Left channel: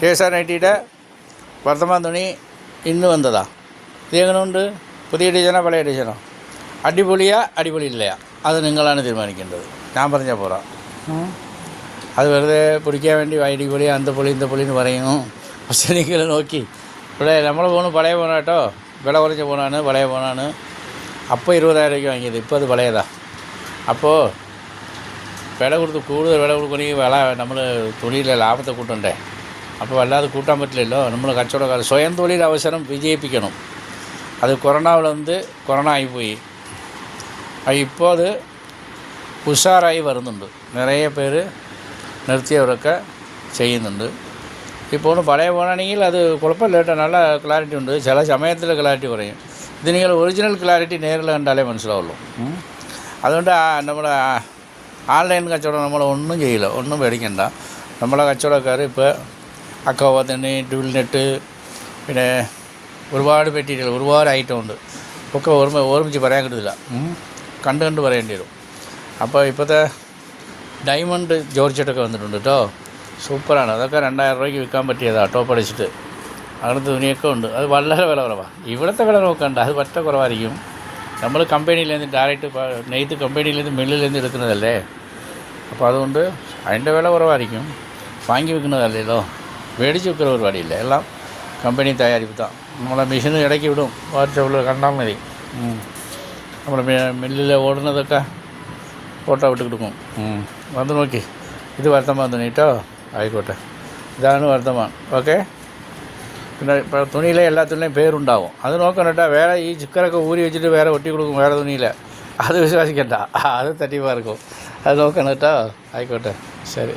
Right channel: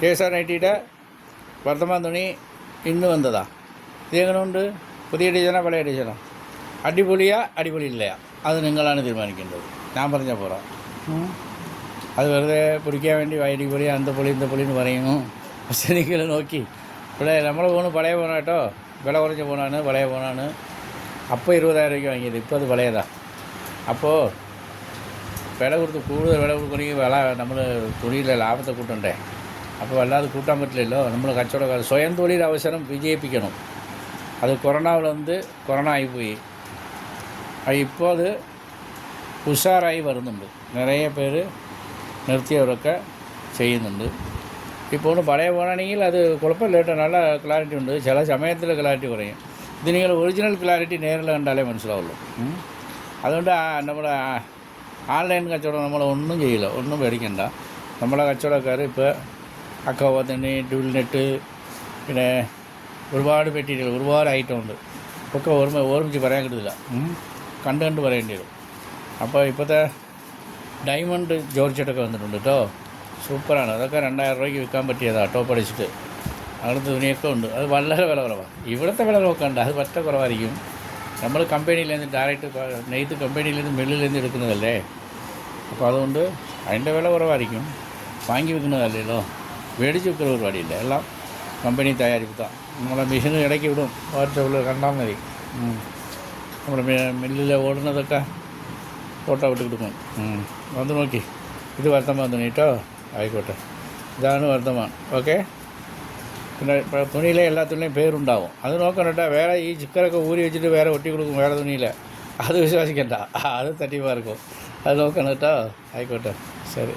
കേസാനൈറ്റിയുടെ വർത്തമാൻ തുണി ഇന്ന് വന്നതാ. ഇത് എങ്ങനെയുണ്ട്? പുതിയ ഡിസൈനോ പഴയ ഡിസൈനോ? അടിപൊളിയാ അടിപൊളിയില്ലയാ? അത് നിങ്ങളാണ് തീരുമാനിക്കേണ്ടത്. ഞാൻ പറഞ്ഞാൽ പോരാ. അത് വെറുതെ പിടിക്കാൻ വേണ്ടി അടിപൊളി അന്തപ്പൊളി ഇന്തപ്പൊളി എന്ന് പറയുന്നു. പക്ഷേ നിങ്ങൾ നോക്കി ഇവിടെ നമ്മളെ ഫോണ് പഴയ ഫോണാണ് കേട്ടോ. വില കുറഞ്ഞ ഫോണാണ്, പഴയ ഫോണാണ്. അപ്പോൾ 20,000 രൂപയ്ക്ക് വാങ്ങിയത്, ഇപ്പോൾ അത് പഴയതാ. അപ്പോൾ വില കൊടുത്ത് കൂടുതൽ വില കൊടുക്കണമെങ്കിൽ നമ്മൾ തുണിയിലെ ലാഭത്തെ കൂട്ടണ്ടേ? അപ്പോൾ അല്ലാതെ കൂട്ടാൻ പറ്റില്ലല്ലോ. നമ്മൾ കച്ചവടക്കാർ സ്വയം തൊഴിൽ അവസരം വിജയിപ്പിക്കണം. അത് കൊറോണ ആയിപ്പോയി. ഇപ്പോൾ അത് ഉഷാറായി വരുന്നുണ്ട്. നിറയെ പേര് നിർത്തിയവരൊക്കെ ചെയ്യുന്നുണ്ട്. ഇപ്പോൾ പഴയ ഫോണാണെങ്കിൽ അത് കുഴപ്പമില്ല കേട്ടോ, നല്ല ക്ലാരിറ്റി ഉണ്ട്. ചില സമയത്തിൽ ക്ലാരിറ്റി കുറയും. ഇത് നിങ്ങൾ ഒറിജിനൽ ക്ലാരിറ്റി നേരിൽ കണ്ടാലേ മനസ്സിലാവുള്ളൂ. അതുകൊണ്ട് നമ്മുടെ ഓൺലൈൻ കച്ചവടം നമ്മൾ ഒന്നും ചെയ്യില്ല, ഒന്നും പേടിക്കണ്ട. നമ്മളെ കച്ചവടക്കാർ ഇപ്പോൾ അക്കോവ തന്നെ, ഡുൾനെറ്റ്, പിന്നെ ഒരുപാട് മെറ്റീരിയൽ, ഒരുപാട് ഐറ്റം ഉണ്ട്. ഒക്കെ ഓർമ്മിച്ച് പറയാൻ കിട്ടില്ല, കണ്ട് പറയേണ്ടി വരും. അപ്പോൾ ഇപ്പോഴത്തെ ഡയമണ്ട് ജോർജറ്റൊക്കെ വന്നിട്ടുണ്ട് കേട്ടോ, സൂപ്പറാണ്. അതൊക്കെ 2,000 രൂപയ്ക്ക് വിൽക്കാൻ പറ്റിയതാണ്, ടോപ്പ് അടിച്ചിട്ട്. അങ്ങനത്തെ തുണിയൊക്കെ ഉണ്ട്. അത് വളരെ വില കുറവാണ്. ഇവിടുത്തെ വില നോക്കണ്ട, അത് പറ്റ കുറവായിരിക്കും. നമ്മൾ കമ്പനിയിലേന്ന് ഡയറക്റ്റ് നെയ്ത്ത് കമ്പനിയിലേന്ന് മില്ലിലേന്ന് എടുക്കുന്നതല്ലേ. അപ്പോൾ അതുകൊണ്ട് അതിൻ്റെ വില കുറവായിരിക്കും. വാങ്ങി വെക്കുന്നതല്ലല്ലോ, മേടിച്ച് വെക്കുന്ന പരിപാടിയില്ല. എല്ലാം കമ്പനി തയ്യാറിപ്പിത്താം. നമ്മളെ മെഷീന് ഇടയ്ക്ക് വിടും, വാട്സപ്പിൽ കണ്ടാൽ മതി. നമ്മുടെ മില്ലിൽ ഓടുന്നതൊക്കെ ഫോട്ടോ വിട്ട് കൊടുക്കും. വന്ന് നോക്കി. ഇത് വർത്തമാൻ തുണി കേട്ടോ, ആയിക്കോട്ടെ. ഇതാണ് വർത്തമാൻ. ഓക്കെ. പിന്നെ തുണിയിലെ എല്ലാ തുണിയിലും പേരുണ്ടാവും, അത് നോക്കണം കേട്ടോ. വേറെ ഈ ചിക്കനൊക്കെ ഊരി വെച്ചിട്ട് വേറെ ഒട്ടി കൊടുക്കും വേറെ തുണിയില്ല, അത് വിശ്വസിക്കണ്ട. അത് തട്ടിപ്പാർക്കും. അത് നോക്കണം കേട്ടോ. ആയിക്കോട്ടെ, ശരി.